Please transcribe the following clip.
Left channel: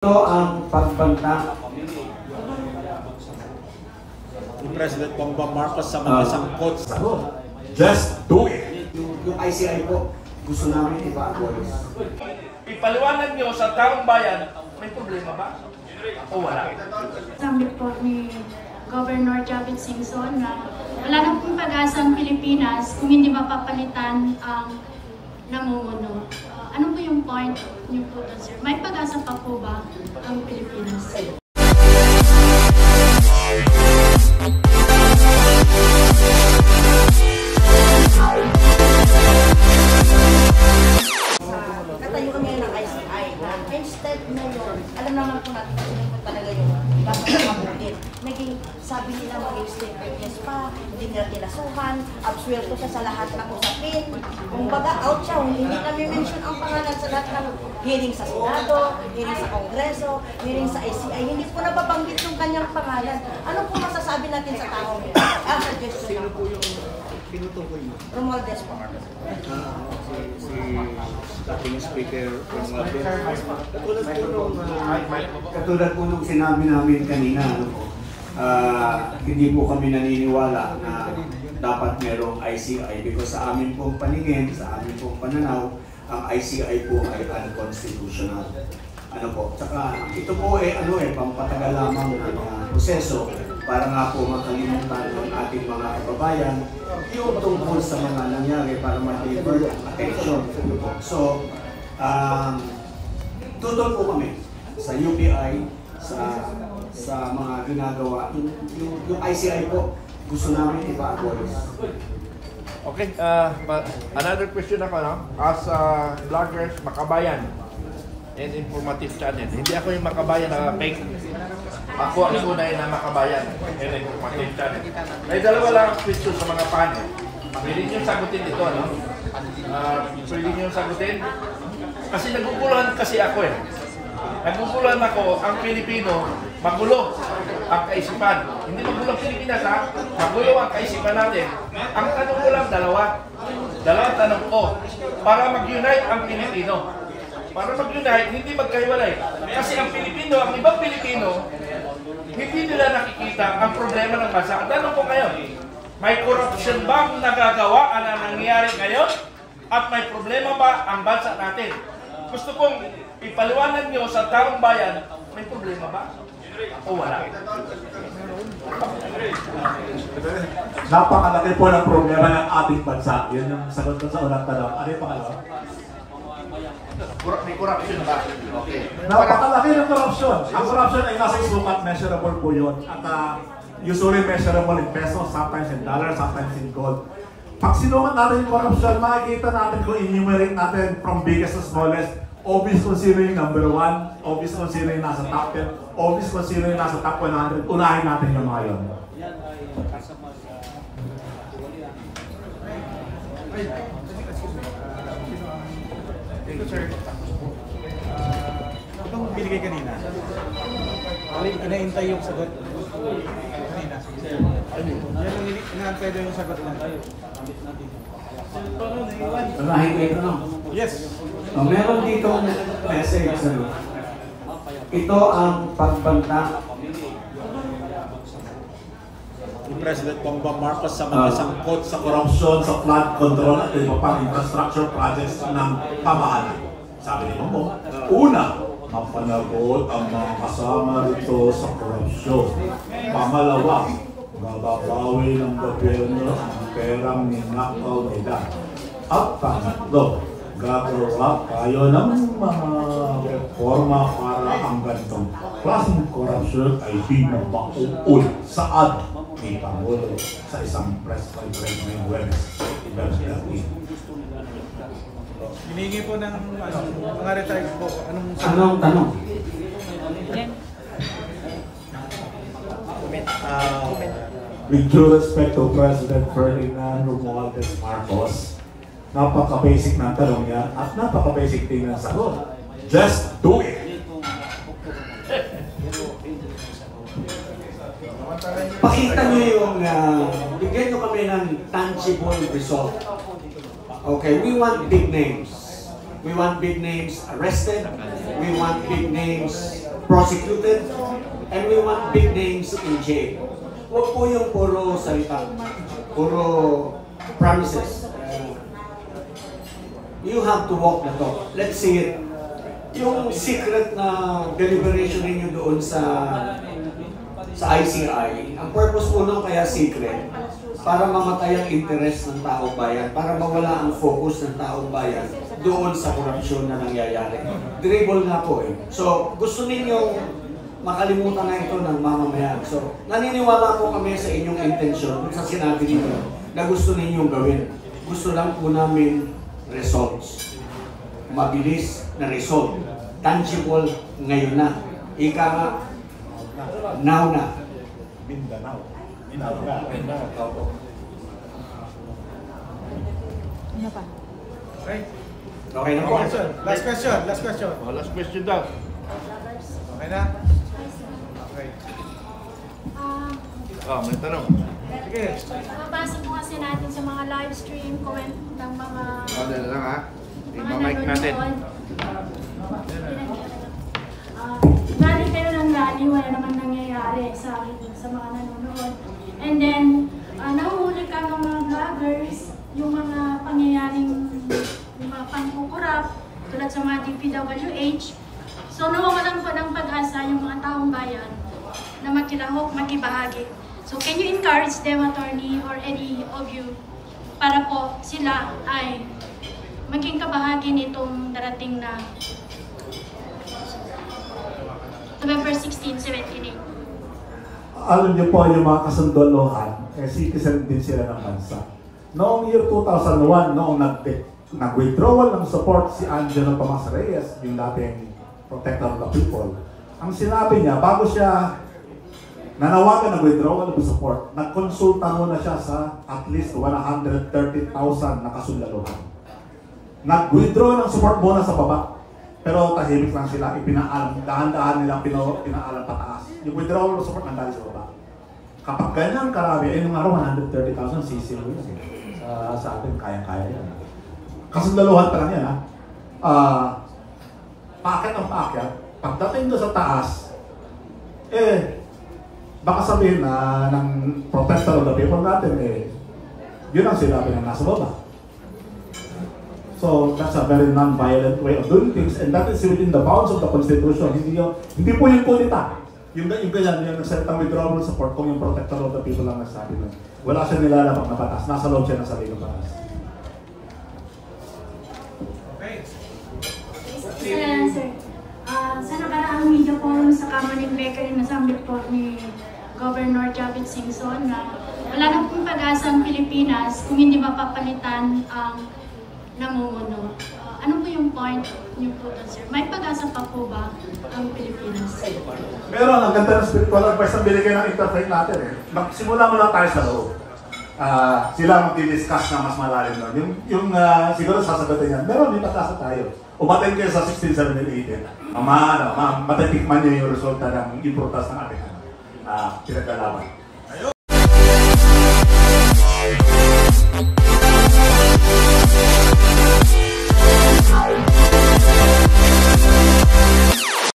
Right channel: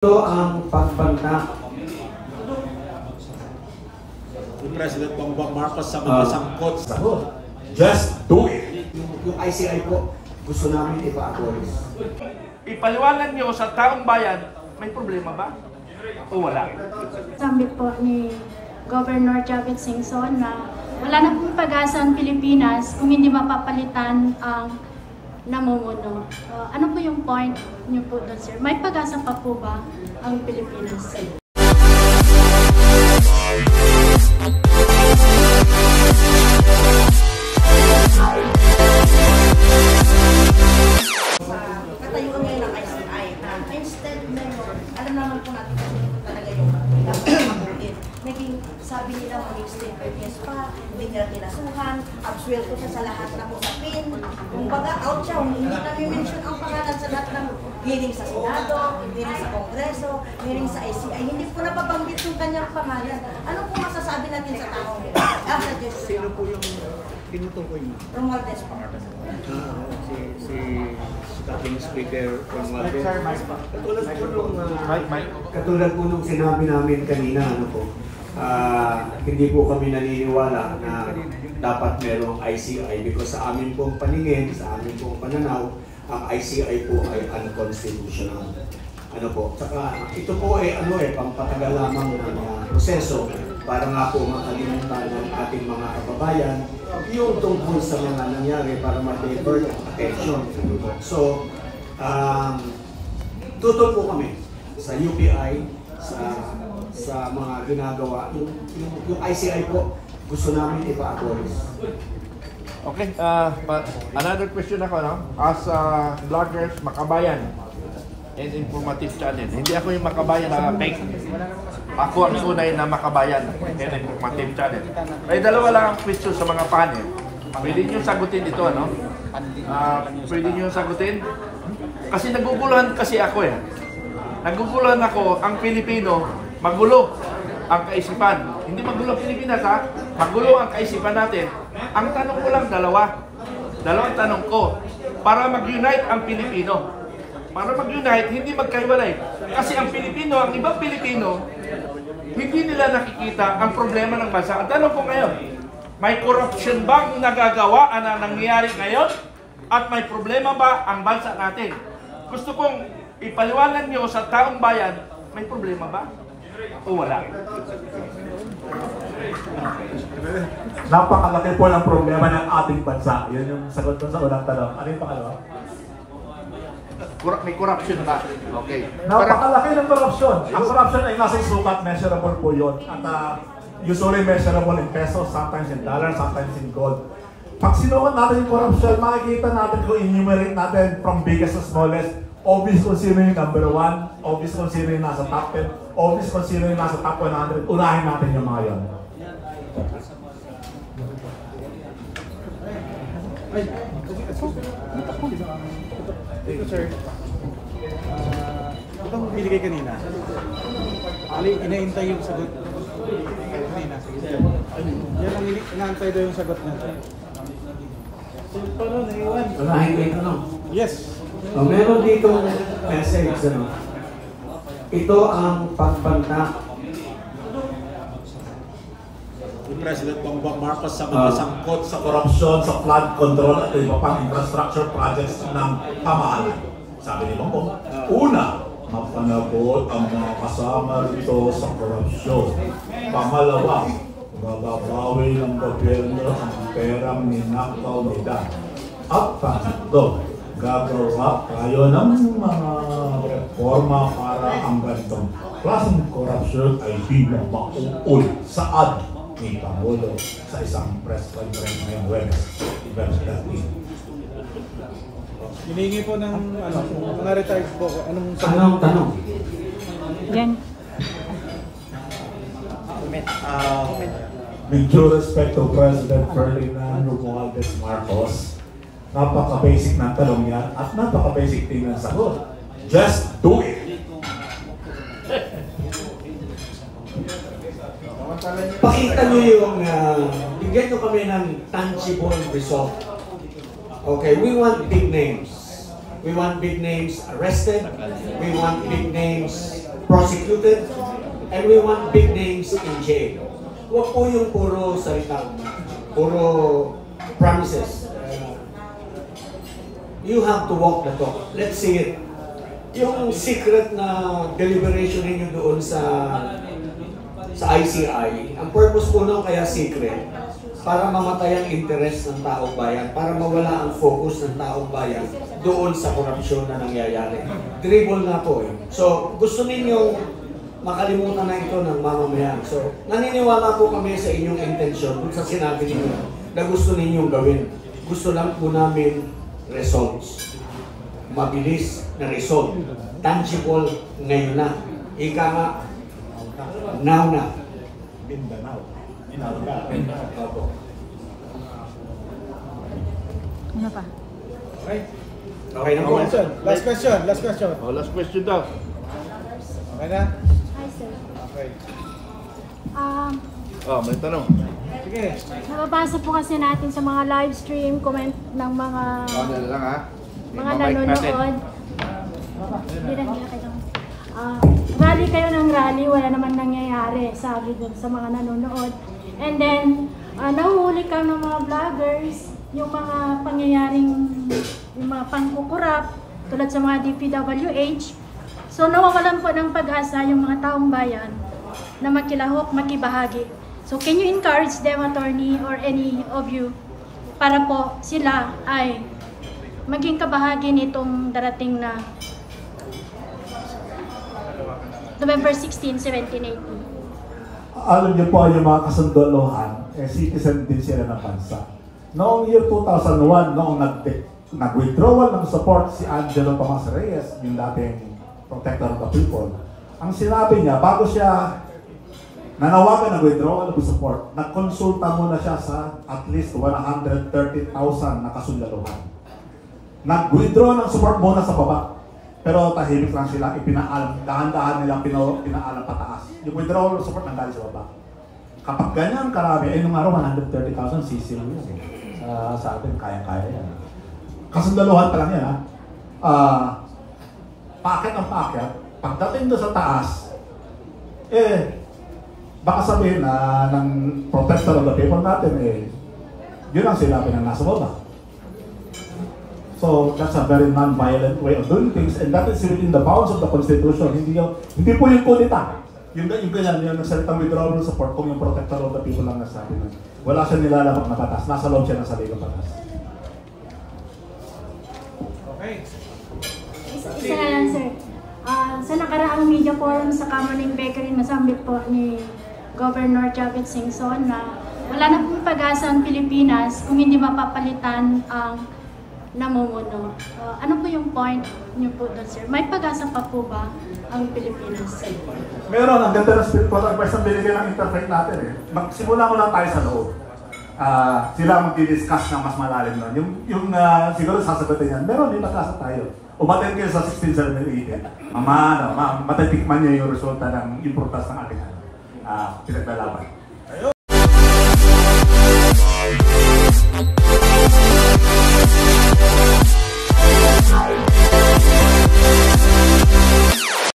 Ito ang pagbanta ni President Bongbong Marcos sa mga sangkot. Just do it. Yung ICI po, gusto namin i-abolish. Ipaliwanag nyo sa taong bayan, may problema ba? O wala? Sabi po ni Governor Chavit Singson na wala na pong pag-asa ang Pilipinas kung hindi mapapalitan ang namumuno. Ano po yung point niyo po doon, sir? May pag-asa pa po ba ang Pilipinas? Katayuan ngayon ng ICI. Instead ngayon, alam naman po natin kung talaga yung dapat mabulit. Naging, sabi nila maging state witness pa, hindi nila kinasuhan, absuelto siya sa lahat ng usapin. Kung baga, out siya, hindi na mention ang pangalan sa lahat ng hearing sa Senado, hearing sa Kongreso, hearing sa ICI. Hindi po nababanggit yung kanyang pangalan. Ano po masasabi natin sa tao niya? Sino po yung Tinutukoy mo. Romualdez po. Si dating speaker Romualdez. Katulad po nung sinabi namin kanina, hindi po kami naniniwala na dapat merong ICI because sa amin pong paningin, sa amin pong pananaw, ang ICI po ay unconstitutional. Tsaka ito po pampatagal lamang ng proseso para nga po makalimutan ng ating mga kababayan yung tungkol sa mga nangyari para ma-divert ang attention. So, tutol po kami sa UPI, sa mga ginagawa. Yung ICI po, gusto namin i-abolish. Okay, another question ako, no? As vloggers, Makabayan and Informative Channel. Hindi ako yung Makabayan na fake. Ako ang tunay na Makabayan and Informative Channel. May dalawa lang question sa mga panel. Pwede nyo sagutin ito, no? Pwede nyo sagutin. Kasi naguguluhan kasi ako eh. Naguguluhan ako, ang Pilipino, magulo ang kaisipan. Hindi magulo ang Pilipinas, ha? Magulo ang kaisipan natin. Ang tanong ko lang dalawang tanong ko. Para mag-unite ang Pilipino. Para mag-unite, hindi magkaiwalay. Kasi ang Pilipino, ang ibang Pilipino, hindi nila nakikita ang problema ng bansa. Ang tanong ko ngayon, may corruption bang nagagawa na nangyayari ngayon? At may problema ba ang bansa natin? Gusto kong ipaliwanag nyo sa taong bayan, may problema ba? O wala? Napakalaki po ng problema ng ating bansa. Yun yung sagot sa unang tanong. Ano yung pangalawa? May corruption ba? Okay. Napakalaki ng corruption. Ang corruption ay nasa sukat, measurable po yun. At usually measurable in pesos, sometimes in dollars, sometimes in gold. Pag sinukat natin yung corruption, makikita natin kung enumerate natin from biggest to smallest. Obvious kung sino yung number 1, obvious kung sino yung nasa top 10, obvious kung sino yung nasa top 100. Unahin natin yung mga yun. Itong binigay kanina, inaintay yung sagot kanina. Yan ang inaantay daw yung sagot na. Unahin kayo no? Yes. Meron dito message. Ito ang pagbanta Ni President Bongbong Marcos sa mga sangkot sa Korupsyon sa flood control at iba pang infrastructure projects ng pamahalaan. Sabi ni Bongbong, una, mapanagot ang mga kasama rito sa korupsyon. Pangalawa, gagabawi ng gobyerno ang perang ninakaw nila. At pangatlo, gagawa tayo ng mga reforma para ang ganitong klaseng korupsyon ay di na mauul saad ni Pangulo sa isang press conference ng Webes. Hinihingi po ng mga retired po. Anong tanong? Yan. With due respect to President Ferdinand Romualdez Marcos, napaka-basic ng tanong niya at napaka-basic din ng sagot. Just do it! Pakita nyo yung, bigyan nyo kami ng tangible result. Okay, we want big names. We want big names arrested. We want big names prosecuted, and we want big names in jail. Huwag po yung puro salita, puro promises. You have to walk the talk. Let's see it. Yung secret na deliberation ninyo doon sa ICI, ang purpose po nung kaya secret, para mamatay ang interest ng taong bayan, para mawala ang focus ng taong bayan doon sa korupsyon na nangyayari. Dribble nga po eh. So, gusto ninyong makalimutan na ito ng mamamayan. So, naniniwala po kami sa inyong intensyon sa sinabi ninyo na gusto ninyong gawin. Gusto lang po namin results. Mabilis na result. Tangible ngayon na. Ika nga, now na. Mindanao. Ano pa? Okay. Okay na po. Last question. Last question. Oh, last question daw. Okay na? Hi, sir. Okay. Oh, may tanong. Sige. Mababasa po kasi natin sa mga live stream, comment ng mga Ano lang ha? mga Ima-mic natin. nanonood. Rally kayo ng rally, wala naman nangyayari, sabi dun sa mga nanonood. And then, nahuhuli ka ng mga vloggers, yung mga pangyayaring, yung mga pangkukurap, tulad sa mga DPWH. So, nawawalan po ng pag-asa yung mga taong bayan na makilahok, makibahagi. So, can you encourage them, attorney, or any of you, para po sila ay maging kabahagi nitong darating na November 16, 17, 18. Alam niyo po, yung mga kasundalohan, citizen din sila ng bansa. Noong year 2001, noong nag-withdrawal ng support si Angelo Tomas Reyes, yung dating protector of the people, ang sinabi niya, bago siya nanawagan ng withdrawal ng support, nagkonsulta muna siya sa at least 130,000 na kasundalohan. Nag-withdraw ng support muna sa baba. Pero tahimik lang sila, ipinaalam, dahan-dahan nilang pinaalam pataas. Yung withdrawal of support nandali sa baba. Kapag ganyan karami, nung araw 130,000, sisilaw yun. Sa atin, kaya-kaya yan. Kasundaluhan pa lang yan, ha? Paakit ang paakyat, pagdating doon sa taas, baka sabihin na ng protector of the people natin, yun ang sinabi na nasa baba. So that's a very non-violent way of doing things, and that is within the bounds of the Constitution. Hindi po yung kudita. Yung ganyan, yung nagsalitang withdrawal support kung yung protector of the people lang nasabi na wala siya nilalabag na batas, nasa loob siya ng sarili ng batas. Okay. Isa na lang, sir. Sa nakaraang media forum sa Caroline Bakery, nasabi po ni Governor Chavit Singson na wala na pong pag-asa ang Pilipinas kung hindi mapapalitan ang namumuno. Ano po yung point niyo po doon, sir? May pag-asa pa po ba ang Pilipinas? Meron, ang ganda ng spiritual advice na binigay ng interpret natin eh. Magsimula mo lang tayo sa loob. Sila ang mag-discuss na mas malalim doon. Yung siguro sasagutin yan, meron yung pag-asa tayo. Umatin kayo sa 16, 17, 18. Matitikman niyo yung resulta ng importance ng ating pinaglalaban.